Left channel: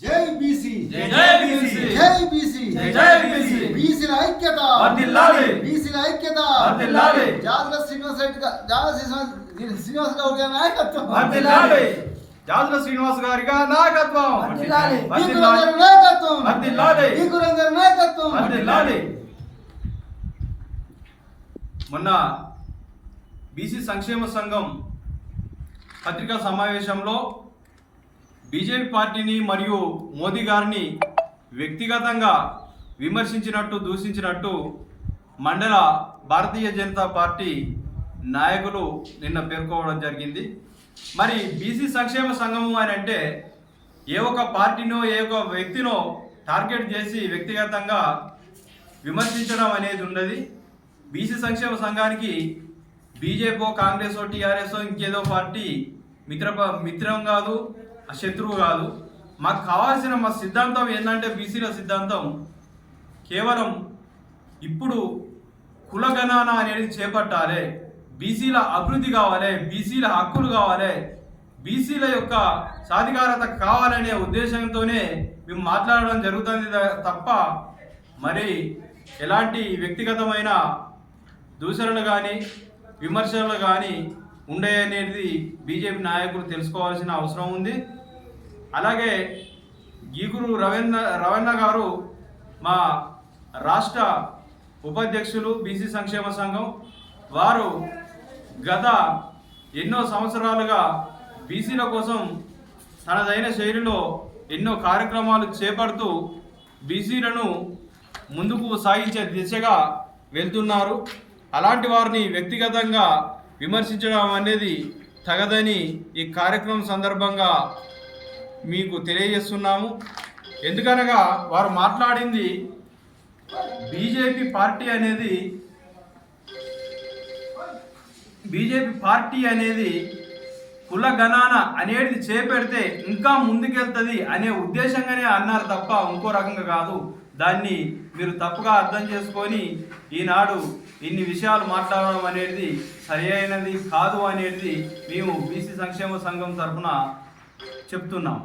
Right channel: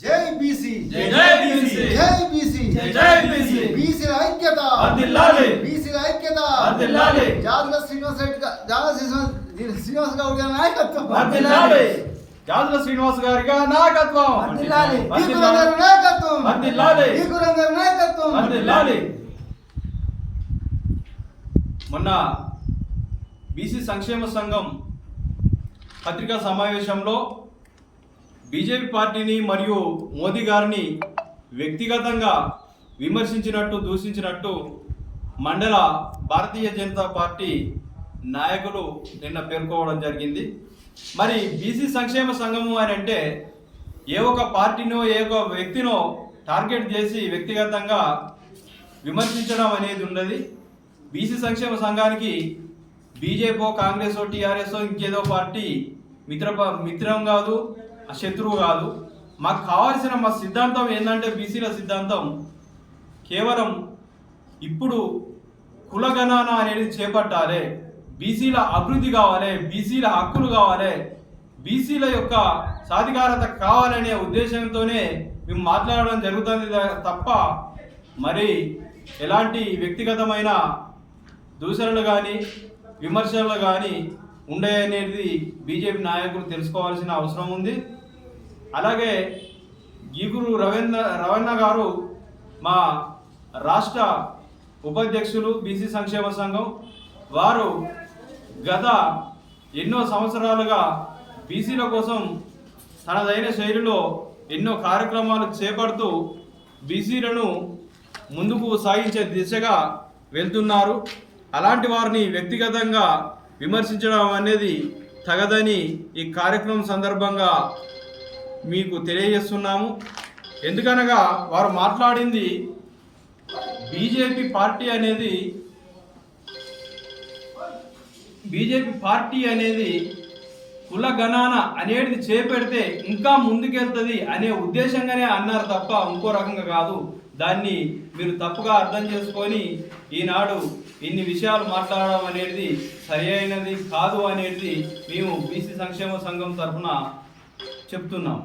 జై బీసీ జై జై బీసీ. జై బీసీ జై జై బీసీ. బీసీల ఐక్యత వర్ధిల్లాలి. బీసీల ఐక్యత వర్ధిల్లాలి. జాదుల శ్రీనివాస్ రెడ్డి గా- జాదుల శ్రీనివాస్ గౌడ్ గారి నాయకత్వం వర్ధిల్లాలి జాదుల శ్రీనివాస్ గారిగా నాయకత్వం వర్ధిల్లాలి. నాయకత్వం వర్ధిల్లాలి. ఈకురం గారి నాయకత్వం వర్ధిల్లాలి. మొన్న బీసీ సంక్షేమ సంఘం పత్రికా సమావేశంలో బీజేపీ పార్టీని మరియు మోదీ గారిని వ్యక్తిగతంగా విమర్శించినట్టు దూషించినట్టు మండల భారతీయ జనతా పార్టీ నాయకులు నిన్న పేర్కోవడం జరిగింది. మరి బీసీ సంక్షేమ సంఘము అని అంటే ఏ ఒక్క పార్టీనో ఏ ఒక వ్యక్తినో టార్గెట్ చేసి వ్యక్తిగతంగా విమర్శించడం అనేది ఉండదు. బీసీ సంక్షేమ సంఘానికి బీజేపీ కాంగ్రెస్ టీఆర్ఎస్ ఇంకేదో పార్టీ మిత్ర మిత్రం కాదు. శత్రువు కాదు. మాకు కావాల్సిన మా సిద్ధాంతం ఏంటంటే బీసీల సిద్ధాంతం. కేవలం ఇప్పుడు కులగణన అనేది చేపట్టాలి. బీసీల అభివృద్ధి కావాలి బీసీల హక్కులు కావాలి. బీసీల యొక్క సాధికారత కావాలనే ఉద్దేశంతోనే మేము మాట్లాడడం జరుగుతుంది తప్ప మరి ఎలాంటి వ్యక్తిగతమైన దూషణలు కానీ విమర్శలు కానీ ఉండే అనేది బీజేపీ నాయకులు తెలుసుకోవాల్సిన అవసరం ఉంది. అలాగే గీగురు రవీంద్ర రవణ గారు మా రాష్ట్ర ఉపాధ్యక్షులు బీసీ సంక్షేమ సంఘం వారు గత ఎన్నో సంవత్సరాలుగా బీసీల కోసం తనదైన శైలిలో ఎన్నో కార్యక్రమాలు చేపడుతూ బీసీలను ముందుకు సాగించే దిశగా వెళ్తున్నారు. అలాంటి వారిని వ్యక్తిగతంగా విమర్శించడం అనేది తగదని ఈ కార్యక్రమం సందర్భంగా మీకు తెలియజేస్తున్నాము. ఎందుకనగా వారు మాట్లాడింది బీజేపీ పార్టీ అనేది బీజేపీ పార్టీ అనేది కుల గణాన అనేది చేపెడితే ఇంకా ముందుకెళ్తుంది అనే ఉద్దేశంగానే అన్నారు తప్ప ఇంకో రకంగా కాదు. దాన్ని మీరు తప్పుగా అర్థం చేసుకొని ఈనాడు ఇన్ని విషయాలు మాట్లాడడం అనేది సరి అయినది కాదు అనేది మేము బీసీ సంక్షేమ సంఘం తరఫున చెప్తున్నాం.